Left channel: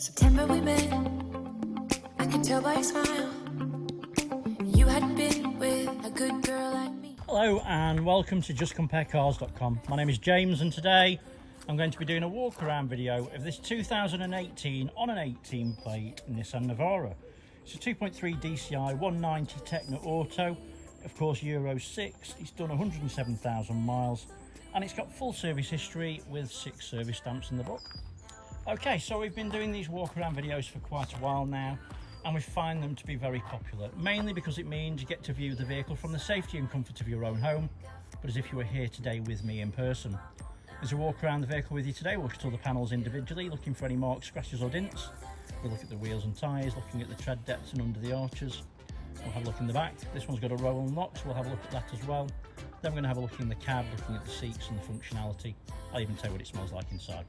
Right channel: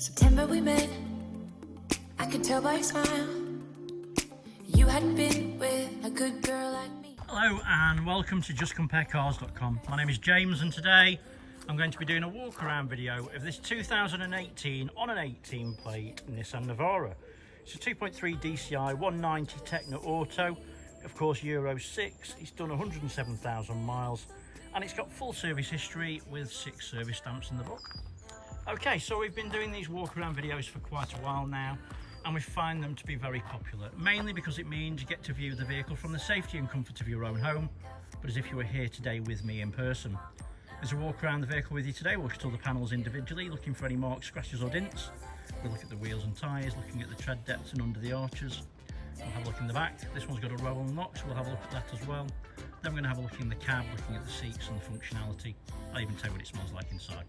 September we met, I could tell by your smile you hadn't been with a good girl like me. Hello and welcome to JustCompareCars.com. My name is James and today I'm going to be doing a walk around video of this 2018 on an 18 plate Nissan Navara. It's a 2.3 DCI 190Tekna Auto, of course Euro 6. It's done 107,000 miles and it's got full service history with 6 service stamps in the book. Okay, so we've been doing these walk around videos for quite a while now and we find them to be very popular, mainly because it means you get to view the vehicle from the safety and comfort of your own home, but as if you were here today with me in person. As we walk around the vehicle with you today, we'll look at all the panels individually, looking for any marks, scratches or dints. We'll look at the wheels and tyres, looking at the tread depths and under the arches. We'll have a look in the back. This one's got a roll and lock, so we'll have a look at that as well. Then we're going to have a look in the cab, looking at the seats and the functionality. I'll even tell you what it smells like inside.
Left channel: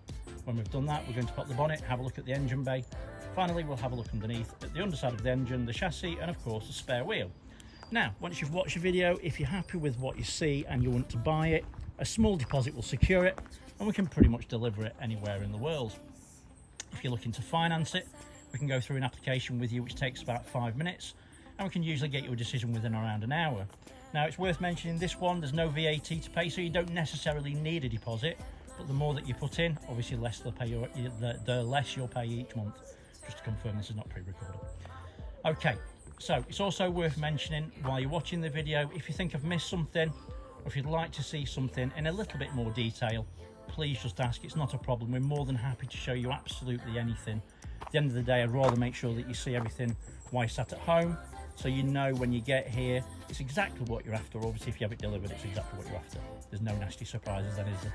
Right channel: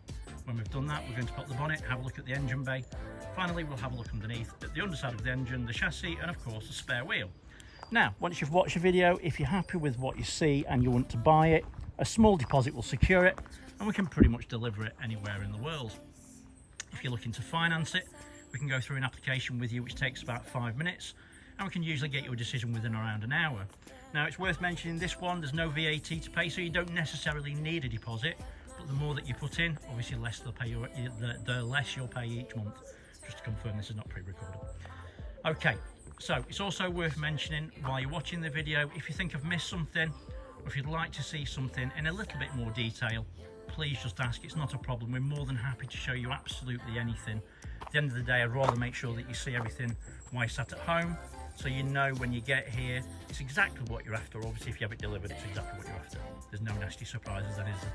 When we've done that, we're going to pop the bonnet, have a look at the engine bay. Finally, we'll have a look underneath at the underside of the engine, the chassis, and of course the spare wheel. Now, once you've watched the video, if you're happy with what you see and you want to buy it, a small deposit will secure it, and we can pretty much deliver it anywhere in the world. If you're looking to finance it, we can go through an application with you, which takes about 5 minutes, and we can usually get you a decision within around an hour. Now, it's worth mentioning this one, there's no VAT to pay, so you don't necessarily need a deposit, but the more that you put in, obviously less they'll pay you, the less you'll pay each month. Just to confirm, this is not pre-recorded. Okay, so it's also worth mentioning while you're watching the video, if you think I've missed something, or if you'd like to see something in a little bit more detail, please just ask. It's not a problem. We're more than happy to show you absolutely anything. At the end of the day, I'd rather make sure that you see everything while you're sat at home, so you know when you get here it's exactly what you're after. Obviously, if you have it delivered, it's exactly what you're after. There's no nasty surprises then, is there?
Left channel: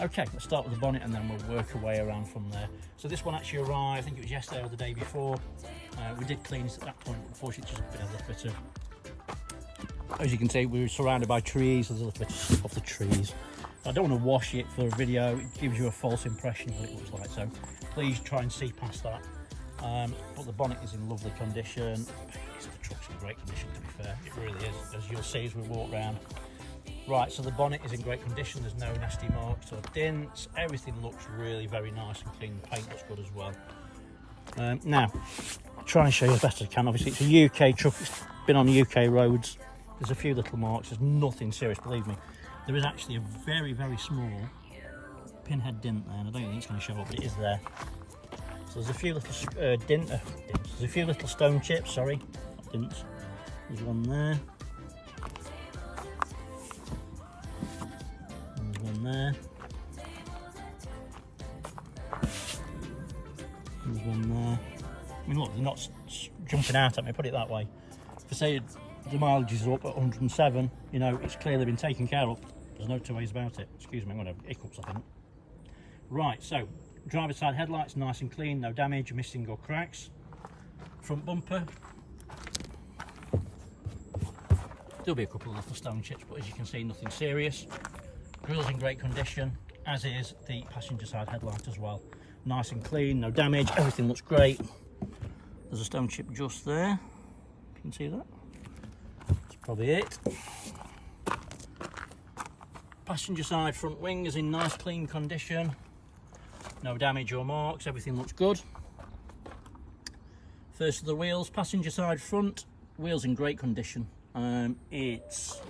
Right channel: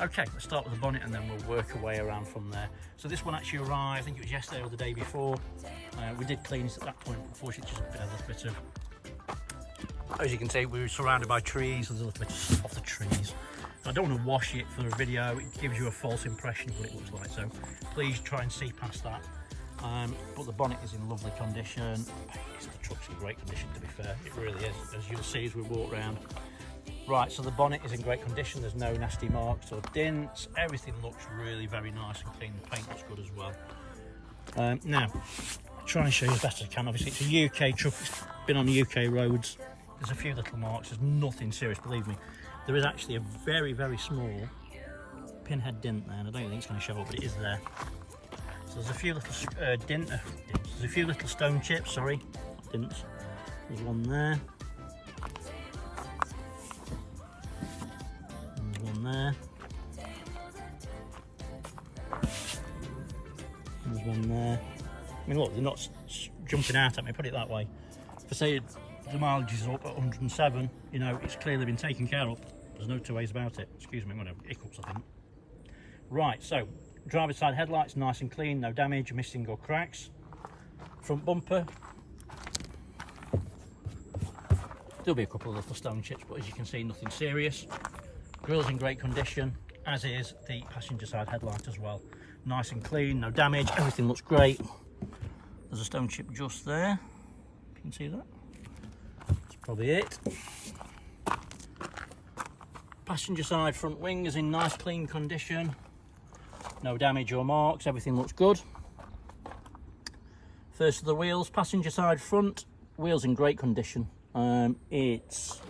Okay, let's start with the bonnet and then we'll work our way around from there. So this one actually arrived, I think it was yesterday or the day before. We did clean it at that point, unfortunately just a little bit of, as you can see, we were surrounded by trees. There's a little bit of the trees. I don't want to wash it for a video, it gives you a false impression of what it looks like, so please try and see past that. But the bonnet is in lovely condition. The truck's in great condition, to be fair, it really is, as you'll see as we walk around. Right, so the bonnet is in great condition, there's no nasty marks or dints, everything looks really very nice and clean, the paint looks good as well. Now, I'll try and show you as best as I can. Obviously it's a UK truck, it's been on UK roads, there's a few little marks, there's nothing serious, believe me. There is actually a very, very small pinhead dint there, and I don't think it's going to show up, but it is there. So there's a few little there's a few little stone chips, sorry, not dints. There's one there. There. There's one there. I mean, look, they're not jumping out at me, put it that way. If I say the mileage is up at 107, you know, it's clearly been taken care of. There's no two ways about it. Excuse me, I'm going to have hiccups, I think. Right, so driver's side headlights nice and clean, no damage, missing or cracks. Front bumper. There'll be a couple of little stone chips, but as you can see, nothing serious. Grill's in great condition, as is the passenger side headlight as well. Nice and clean, no damage, everything looks great. There's a stone chip just there. You can see that. That's probably it. Passenger side front wing is in nice clean condition. No damage or marks, everything looks good. First of the wheels, passenger side front, wheels in great condition. It's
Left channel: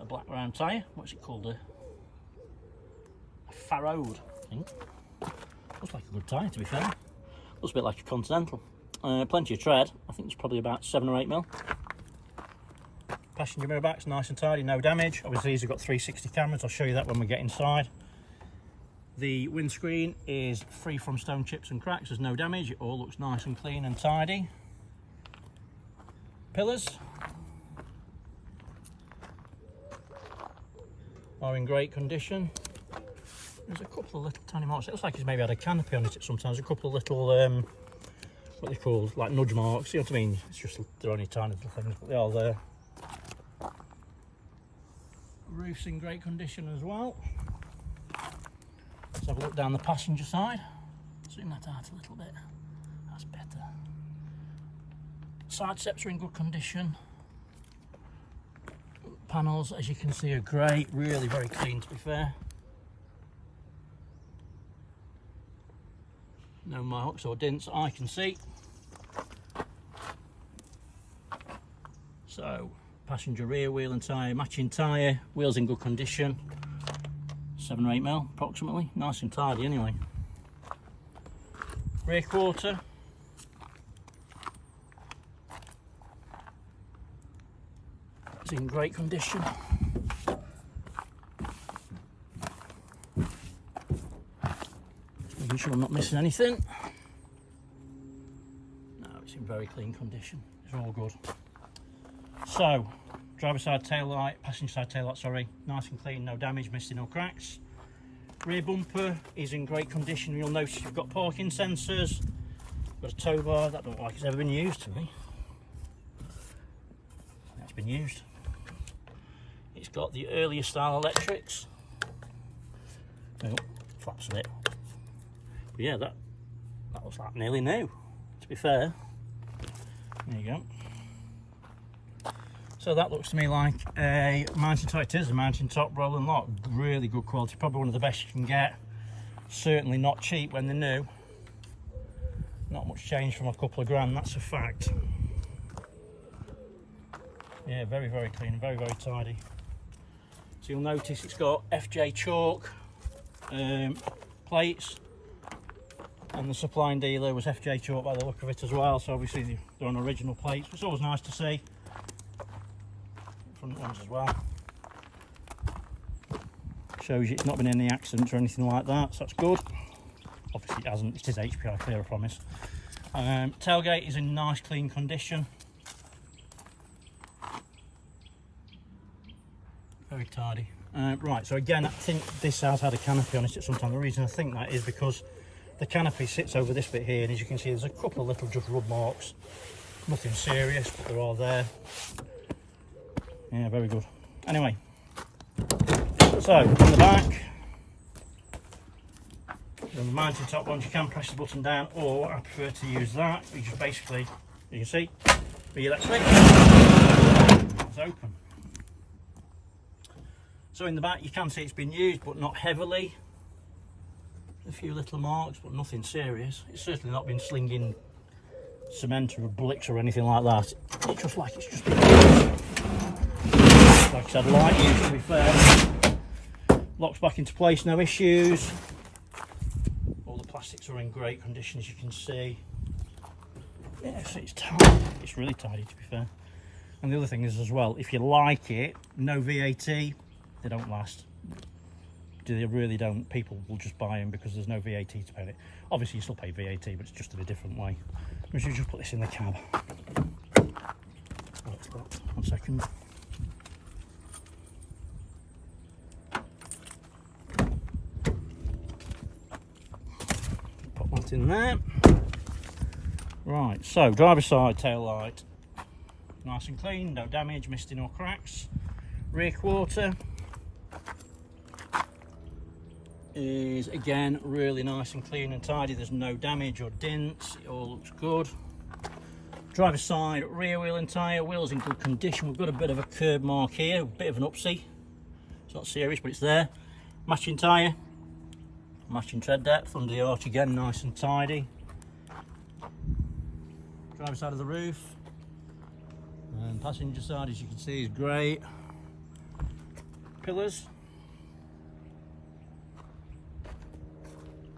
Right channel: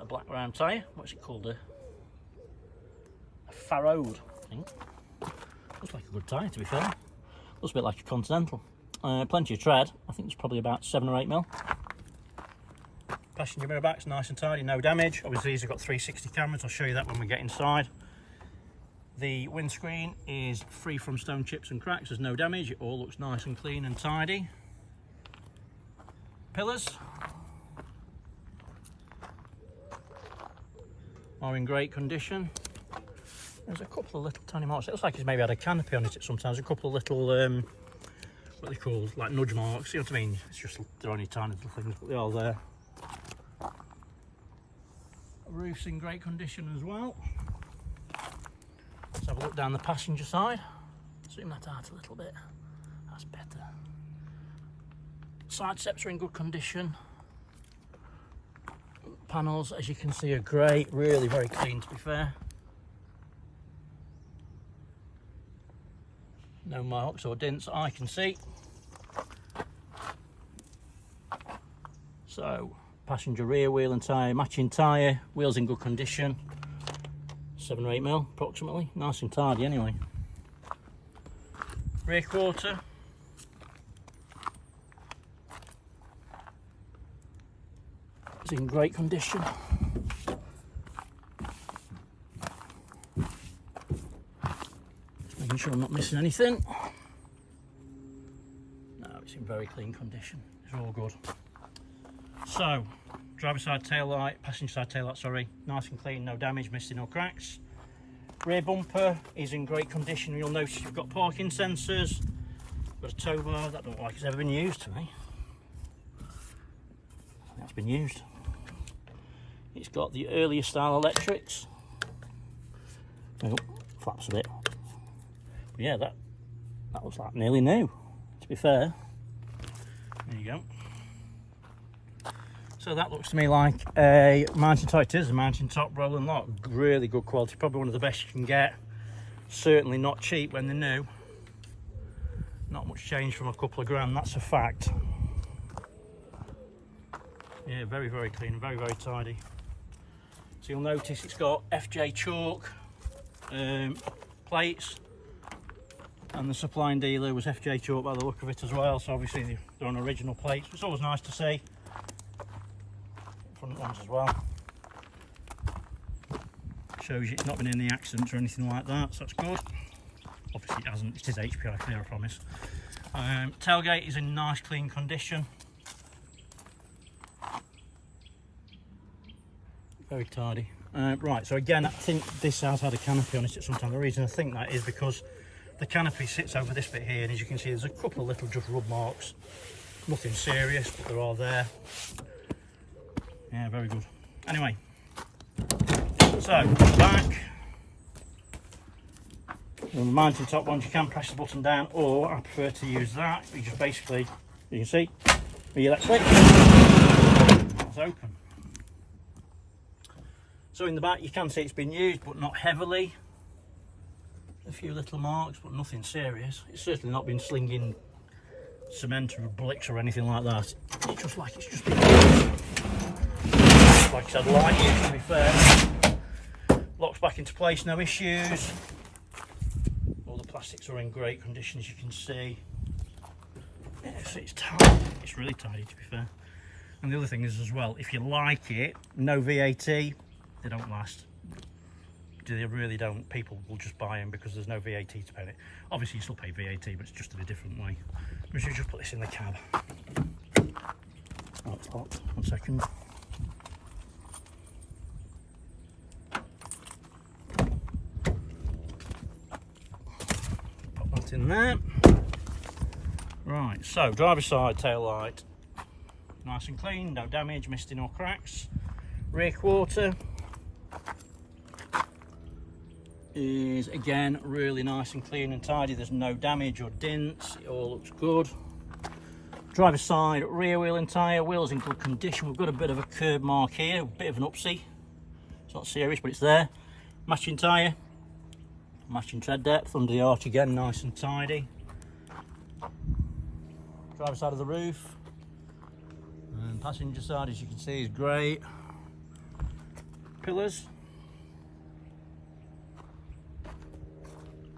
a black round tyre. What's it called? A Farroad, I think. Looks like a good tyre, to be fair. Looks a bit like a Continental. Plenty of tread. I think it's probably about 7 or 8 mil. Passenger mirror back's nice and tidy, no damage. Obviously these have got 360 cameras. I'll show you that when we get inside. The windscreen is free from stone chips and cracks. There's no damage. It all looks nice and clean and tidy. Pillars are in great condition. There's a couple of little tiny marks. It looks like it's maybe had a canopy on it sometimes. A couple of little, what they called, like nudge marks. You know what I mean? It's just, they're only tiny little things, but they are there. Roof's in great condition as well. Let's have a look down the passenger side. Zoom that out a little bit. That's better. Side steps are in good condition. Panels, as you can see, are great. Really very clean, to be fair. No marks or dents I can see. So, passenger rear wheel and tyre, matching tyre, wheels in good condition. 7 or 8 mil approximately, nice and tidy anyway. Rear quarter. It's in great condition. Just making sure I'm not missing anything. No, it's in very clean condition. It's all good. So, driver side tail light, passenger side tail light, sorry, nice and clean, no damage, missing or cracks. Rear bumper is in great condition. You'll notice you've got parking sensors, got a tow bar. That don't look like it's ever been used to me. That's been used. It's got the earlier style electrics. Oh, flaps a bit. But yeah, that looks like nearly new, to be fair. There you go. So that looks to me like a mountain top. It is a mountain top rolling lock. Really good quality, probably one of the best you can get. Certainly not cheap when they're new. Not much change from a couple of grand, that's a fact. Yeah, very, very clean, very, very tidy. So you'll notice it's got FJ chalk plates, and the supplying dealer was FJ chalk by the look of it as well. So obviously they're on original plates. It's always nice to see. Front ones as well. Shows you it's not been any accidents or anything like that, so that's good. Obviously it hasn't, it is HPI clear, I promise. Tailgate is in nice clean condition. Very tidy. Right, so again, I think this has had a canopy on it at some time. The reason I think that is because the canopy sits over this bit here, and as you can see there's a couple of little just rub marks. Nothing serious, but they're all there. Yeah, very good. Anyway, so back. On the mountain top ones, you can press the button down, or I prefer to use that. You just basically, you can see, the electric, it's open. So in the back, you can see it's been used, but not heavily. A few little marks, but nothing serious. It's certainly not been slinging cement or bricks or anything like that. It's just like it's just been used. Like I said, light use, to be fair. Locks back into place, no issues. All the plastics are in great condition, as you can see. Yes, it's tidy. It's really tidy, to be fair. And the other thing is as well, if you like it, no VAT, they don't last. They really don't. People will just buy them because there's no VAT to pay it. Obviously you still pay VAT, but it's just in a different way. We should just put this in the cab. Oh, it's locked. 1 second. Put that in there. Right, so driver's side tail light. Nice and clean, no damage, misting or cracks. Rear quarter is again really nice and clean and tidy. There's no damage or dents, it all looks good. Driver's side rear wheel and tyre, wheels in good condition. We've got a bit of a curb mark here, a bit of an upsie. It's not serious, but it's there. Matching tyre, matching tread depth, under the arch again, nice and tidy. Driver's side of the roof, and passenger side, as you can see, is great. Pillars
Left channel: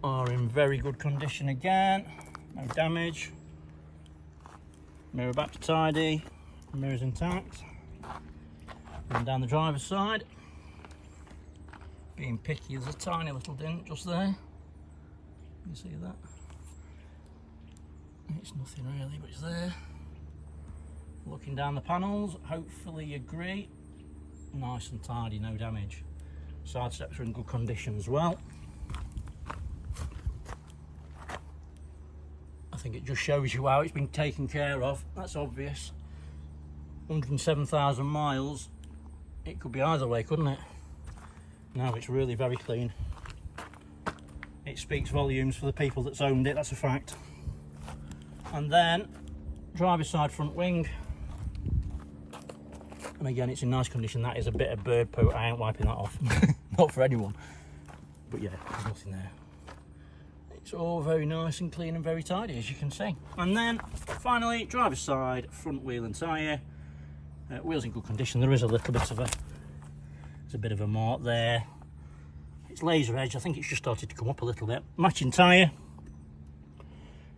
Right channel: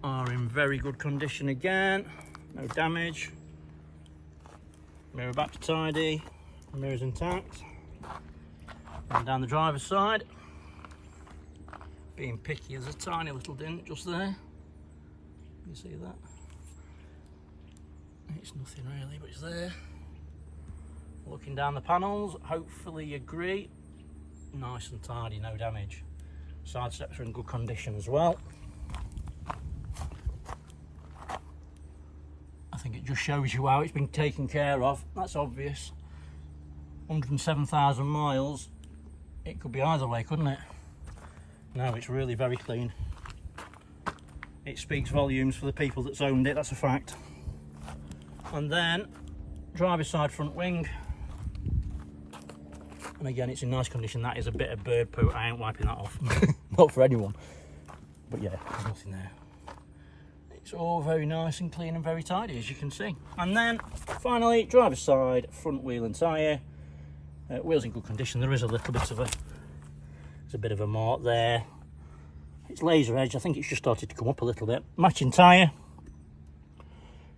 are in very good condition again, no damage. Mirror back to tidy, mirrors intact. And down the driver's side, being picky, there's a tiny little dent just there. You see that? It's nothing really, but it's there. Looking down the panels, hopefully you agree, nice and tidy, no damage. Side steps are in good condition as well. I think it just shows you how it's been taken care of. That's obvious. 107,000 miles, it could be either way, couldn't it? No, it's really very clean. It speaks volumes for the people that's owned it, that's a fact. And then driver's side front wing, and again it's in nice condition. That is a bit of bird poo, I ain't wiping that off. Not for anyone, but yeah, there's nothing there. It's all very nice and clean and very tidy, as you can see. And then finally, driver's side front wheel and tyre. Wheels in good condition. There is a little bit of a mark there. It's laser edge. I think it's just started to come up a little bit. Matching tyre,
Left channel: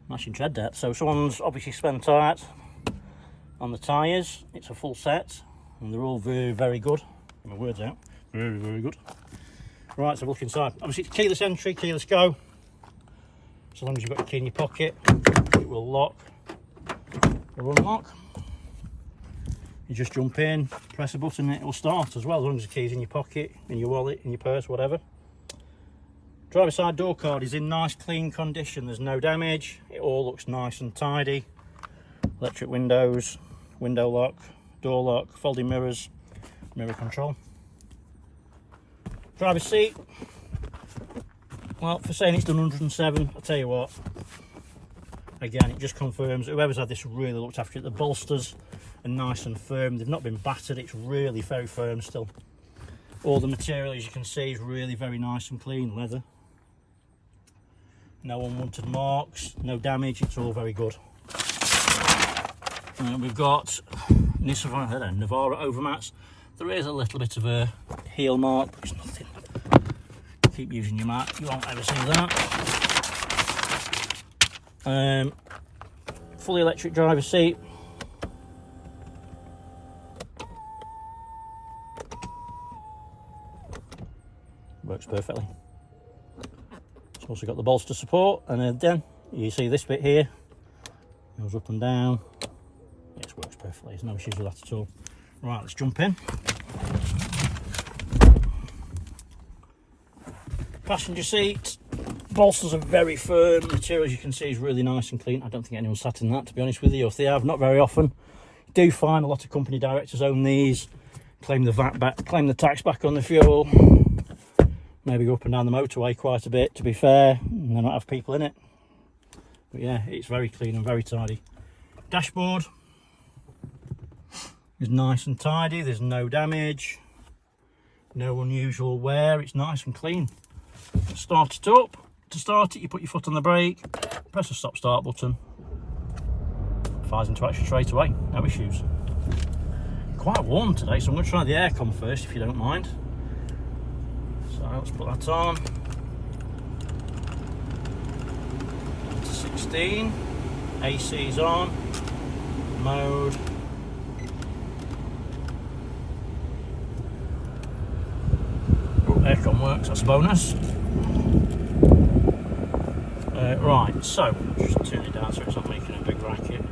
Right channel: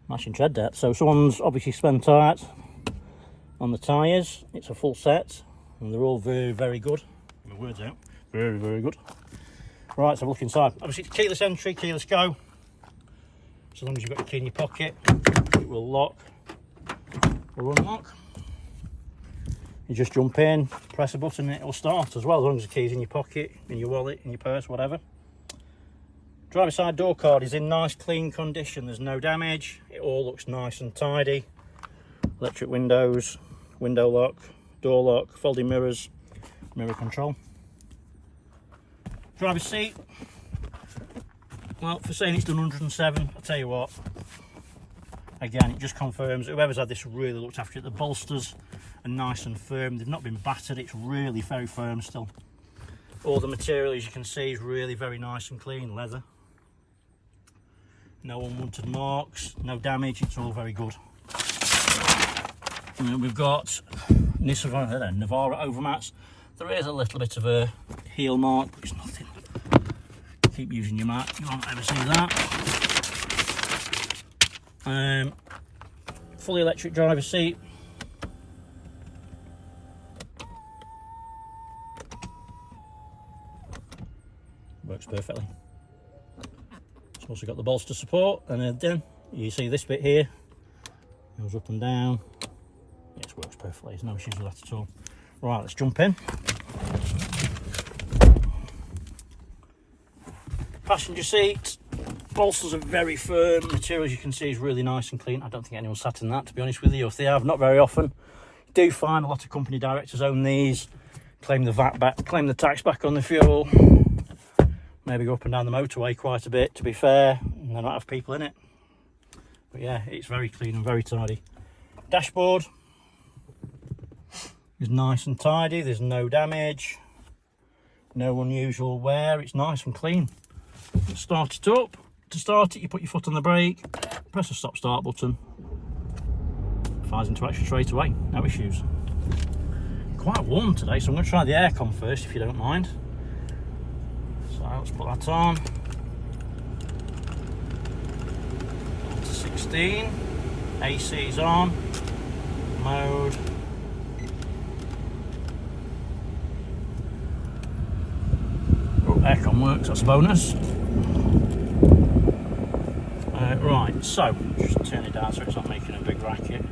matching tread depth. So someone's obviously spent out on the tyres. It's a full set, and they're all very, very good. Get my words out. Very, very good. Right, so look inside. Obviously, it's keyless entry, keyless go. So long as you've got your key in your pocket, it will lock or unlock. You just jump in, press a button, and it will start as well, as long as the key's in your pocket, in your wallet, in your purse, whatever. Driver side door card is in nice, clean condition. There's no damage. It all looks nice and tidy. Electric windows, window lock, door lock, folding mirrors, mirror control. Driver's seat. Well, for saying it's done 107, I'll tell you what. Again, it just confirms whoever's had this really looked after it. The bolsters are nice and firm. They've not been battered. It's really very firm still. All the material, as you can see, is really very nice and clean. Leather. No unwanted marks, no damage. It's all very good. And we've got Nissan Navara overmats. There is a little bit of a heel mark, but it's nothing. Keep using your mat, you won't ever see that. Fully electric driver's seat. Works perfectly. It's also got the bolster support, and then you see this bit here goes up and down. It works perfectly. There's no issues with that at all. Right, let's jump in. Passenger seat, bolsters are very firm. Material, as you can see, is really nice and clean. I don't think anyone sat in that, to be honest with you. If they have, not very often. You do find a lot of company directors own these, claim the VAT back, claim the tax back on the fuel. Maybe go up and down the motorway quite a bit, to be fair, and they not have people in it. But yeah, it's very clean and very tidy. Dashboard is nice and tidy. There's no damage, no unusual wear. It's nice and clean. Start it up. To start it, you put your foot on the brake, press the stop start button, fires into action straight away, no issues. Quite warm today, so I'm going to try the aircon first, if you don't mind. So let's put that on to 16. AC's on. Mode. Oh, aircon works, that's a bonus. Right, so just turn it down so it's not making a big racket.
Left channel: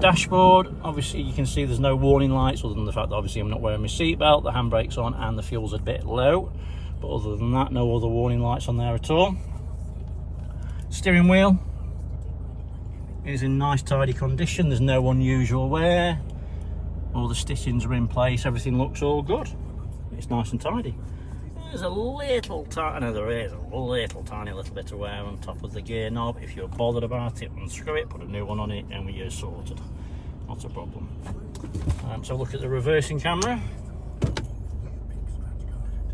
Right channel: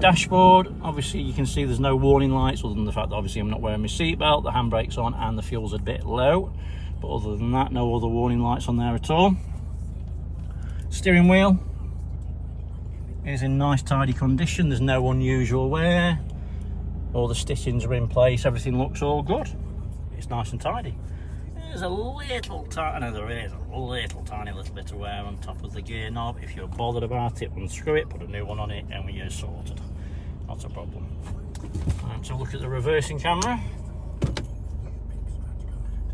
Dashboard, obviously you can see there's no warning lights, other than the fact that obviously I'm not wearing my seatbelt, the handbrake's on and the fuel's a bit low, but other than that, no other warning lights on there at all. Steering wheel is in nice tidy condition. There's no unusual wear. All the stitchings are in place. Everything looks all good. It's nice and tidy. There's a little tiny, no, there is a little tiny little bit of wear on top of the gear knob. If you're bothered about it, unscrew it, put a new one on it, and we're sorted. Not a problem. So look at the reversing camera. So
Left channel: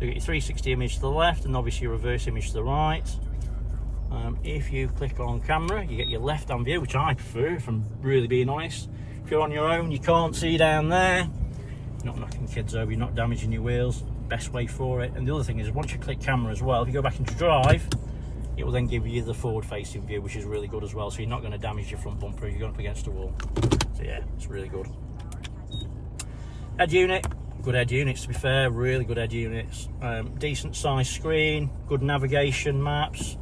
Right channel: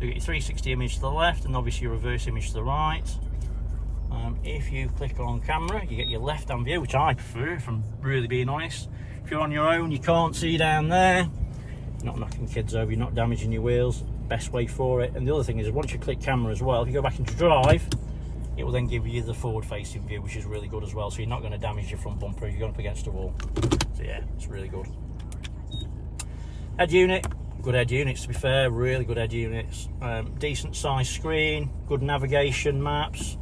you get your 360 image to the left, and obviously your reverse image to the right. If you click on camera, you get your left-hand view, which I prefer, if I'm really being honest. If you're on your own, you can't see down there. You're not knocking kids over, you're not damaging your wheels. Best way for it. And the other thing is, once you click camera as well, if you go back into drive, it will then give you the forward-facing view, which is really good as well. So you're not going to damage your front bumper if you're going up against a wall. So yeah, it's really good. Head unit, good head units to be fair, really good head units. Decent size screen, good navigation, maps.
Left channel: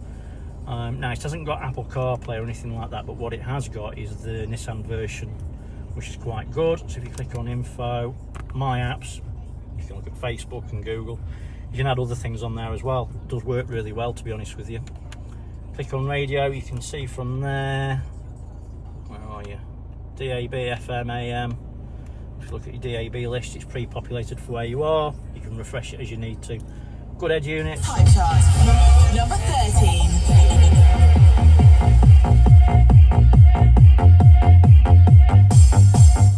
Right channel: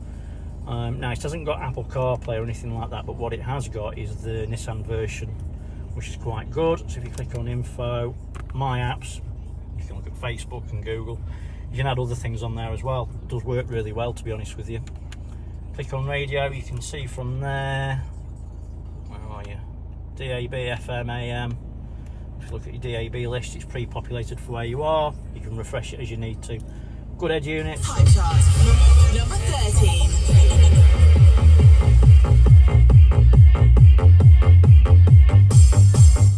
Now it hasn't got Apple CarPlay or anything like that, but what it has got is the Nissan version, which is quite good. So if you click on info, my apps, you can look at Facebook and Google. You can add other things on there as well. It does work really well, to be honest with you. Click on radio, you can see from there, where are you? DAB, FM, AM. If you look at your DAB list, it's pre-populated for where you are. You can refresh it as you need to. Good head units. Time chart, number 13.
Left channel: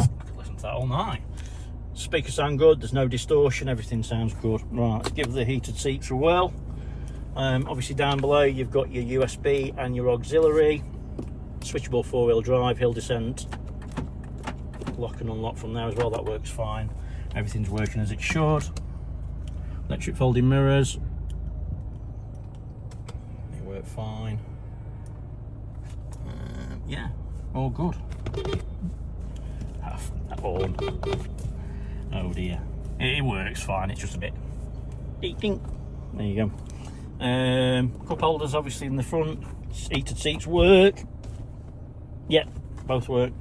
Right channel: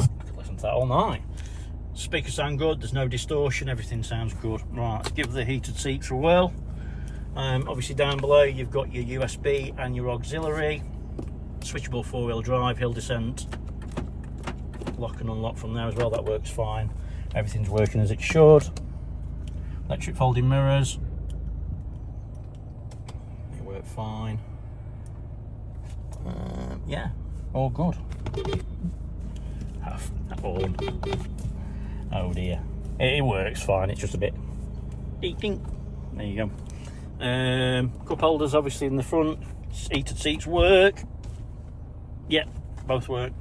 I could listen to that all night. Speakers sound good, there's no distortion, everything sounds good. Right, let's give the heated seats a whirl. Obviously down below you've got your USB and your auxiliary, switchable 4-wheel drive, hill descent, lock and unlock from there as well, that works fine. Everything's working as it should. Electric folding mirrors, they work fine. Yeah, all good. That horn, oh dear, it works fine, it's just a bit ding. There you go. Cup holders obviously in the front, heated seats work. Yep, both work.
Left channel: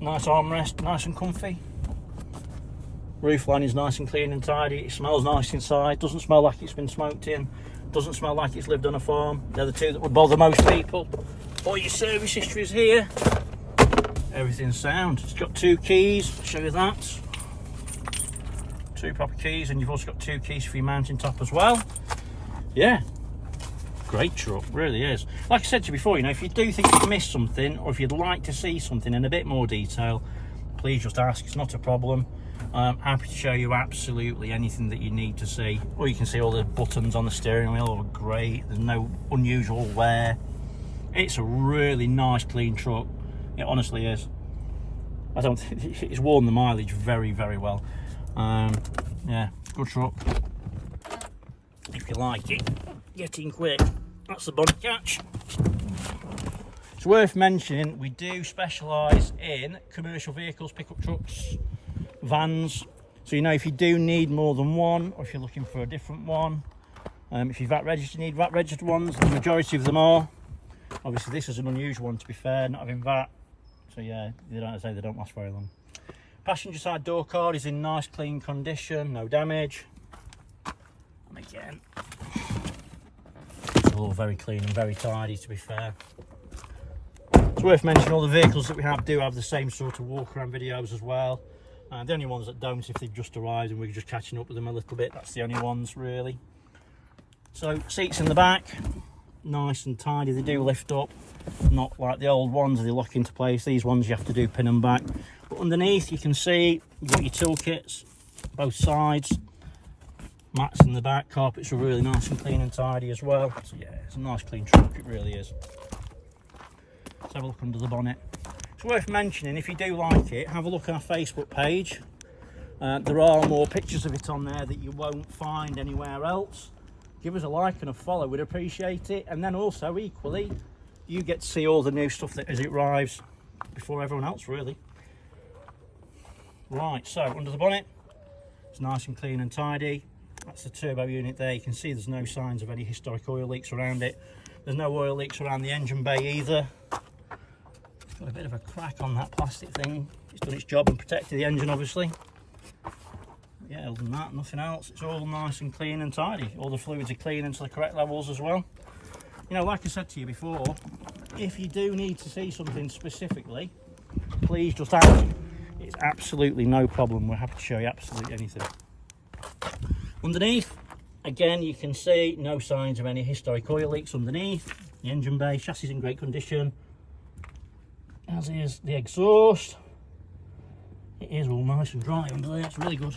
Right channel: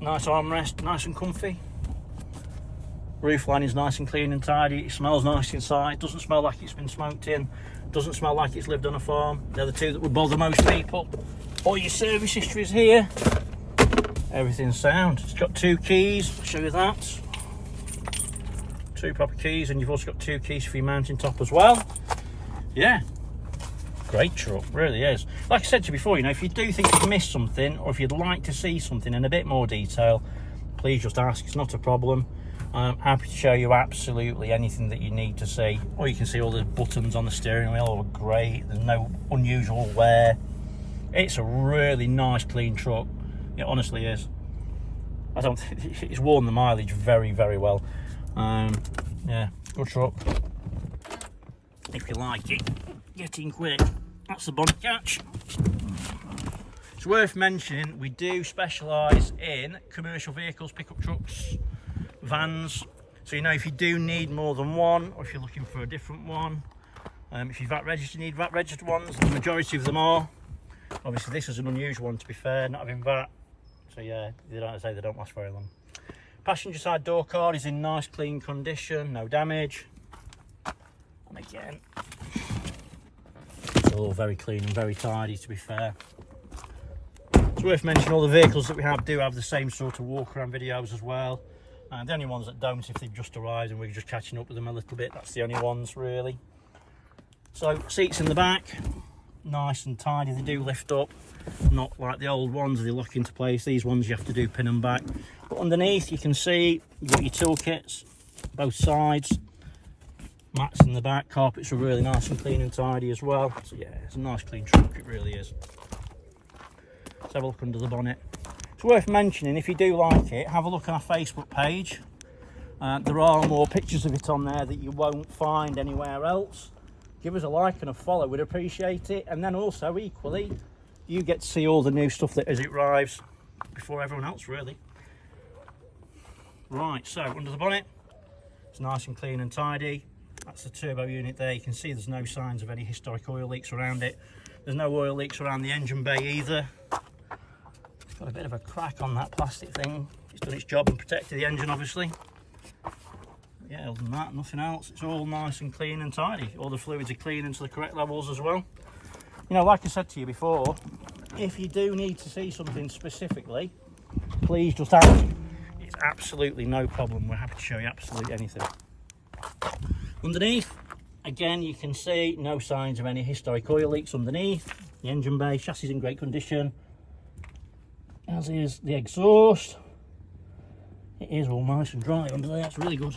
Nice armrest, nice and comfy. Roof line is nice and clean and tidy. It smells nice inside, doesn't smell like it's been smoked in, doesn't smell like it's lived on a farm. They're the two that would bother most people. All your service history is here. Everything's sound. It's got 2 keys, I'll show you that. 2 proper keys, and you've also got 2 keys for your mounting top as well. Yeah, great truck, really is. Like I said to you before, you know, if you do think you've missed something, or if you'd like to see something in a bit more detail, please just ask, it's not a problem. I'm happy to show you absolutely anything that you need to see. Or you can see all the buttons on the steering wheel are great, there's no unusual wear. It's a really nice clean truck, it honestly is. I don't think it's worn the mileage very, very well. Yeah, good truck. If you like it, get in quick. That's the bonnet catch. It's worth mentioning we do specialise in commercial vehicles, pickup trucks, vans. So you know, if you do need more than one, or if you're looking for a different one, if you're VAT registered, you need VAT registered ones. The majority of them are. Obviously this is an unusual one, to be fair, not having VAT. So yeah, they don't last very long. Passenger side door card is in nice clean condition, no damage. And again, it's all very clean and very tidy, to be fair. It's worth mentioning all the vehicles that we have do have the same sort of walk around videos as well. And the only ones that don't, if they've just arrived and we're just catching up with them a little bit, that's the only ones really. So seats in the back, nice and tidy, they do lift up, not like the old ones, they lock into place. These ones you have to do pin them back. But underneath you can see you've got your toolkits, both sides, mats in the back, carpets are really nice and clean and tidy as well. So yeah, it's a nice clean truck, it really is. Let's have a look under the bonnet. It's worth mentioning, if you do like it, have a look on our Facebook page. There are more pictures of it on there that you won't find anywhere else. Give us a like and a follow, we'd appreciate it. And then also, equally, you get to see all the new stuff that as it arrives before everyone else, really. Right, so under the bonnet, it's nice and clean and tidy. That's the turbo unit there. You can see there's no signs of any historic oil leaks around it. There's no oil leaks around the engine bay either. It's got a bit of a crack on that plastic thing. It's done its job and protected the engine, obviously. Yeah, other than that, nothing else. It's all nice and clean and tidy. All the fluids are clean into the correct levels as well. You know, like I said to you before, if you do need to see something specifically, please just ask. It's absolutely no problem. We're happy to show you absolutely anything. Underneath, again, you can see no signs of any historic oil leaks underneath. The engine bay, chassis is in great condition, as is the exhaust. It is all nice and dry under there, it's really good.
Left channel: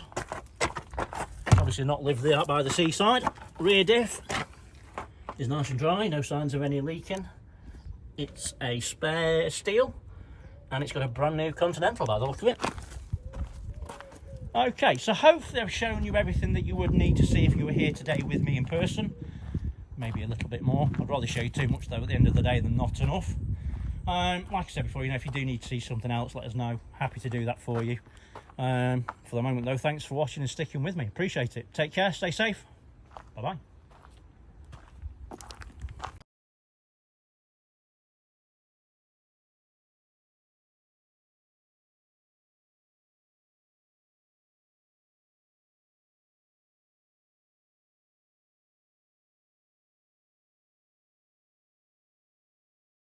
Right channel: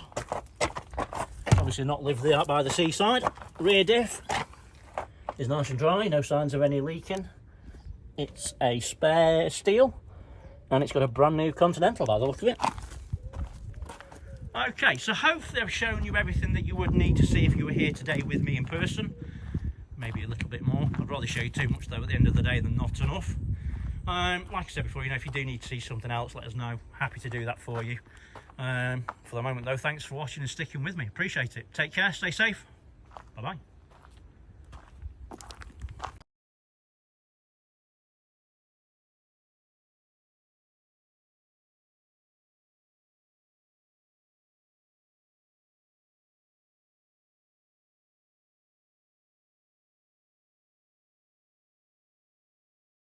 Obviously not lived there by the seaside. Rear diff is nice and dry, no signs of any leaking. It's a spare steel, and it's got a brand new Continental by the look of it. Okay, so hopefully I've shown you everything that you would need to see if you were here today with me in person. Maybe a little bit more. I'd rather show you too much though at the end of the day than not enough. Like I said before, you know, if you do need to see something else, let us know. Happy to do that for you. For the moment though, thanks for watching and sticking with me. Appreciate it. Take care, stay safe. Bye bye.